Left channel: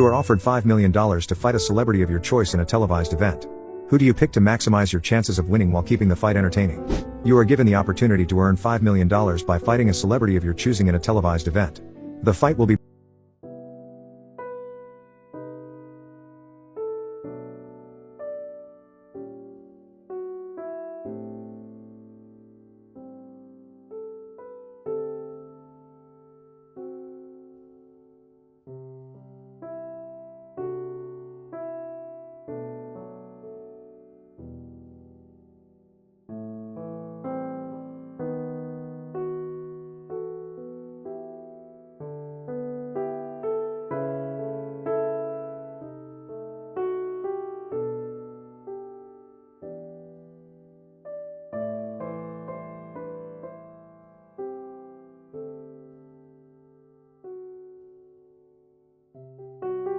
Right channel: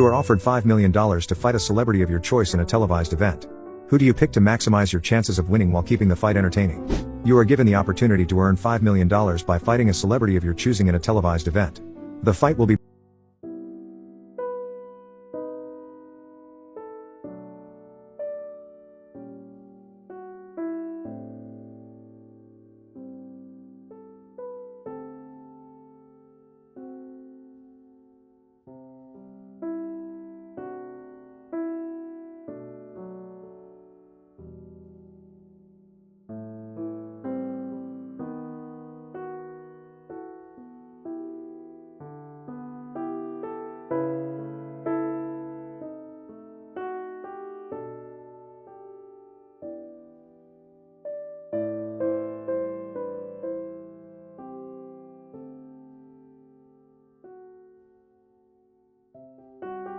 You are offered $5 million to fight a celebrity of your choice in a televised event. Who do you pick to maximize your chances of winning while keeping the fight entertaining? You are given the opportunity to earn $5 million by fighting a celebrity of your choosing in a televised event. The fight will be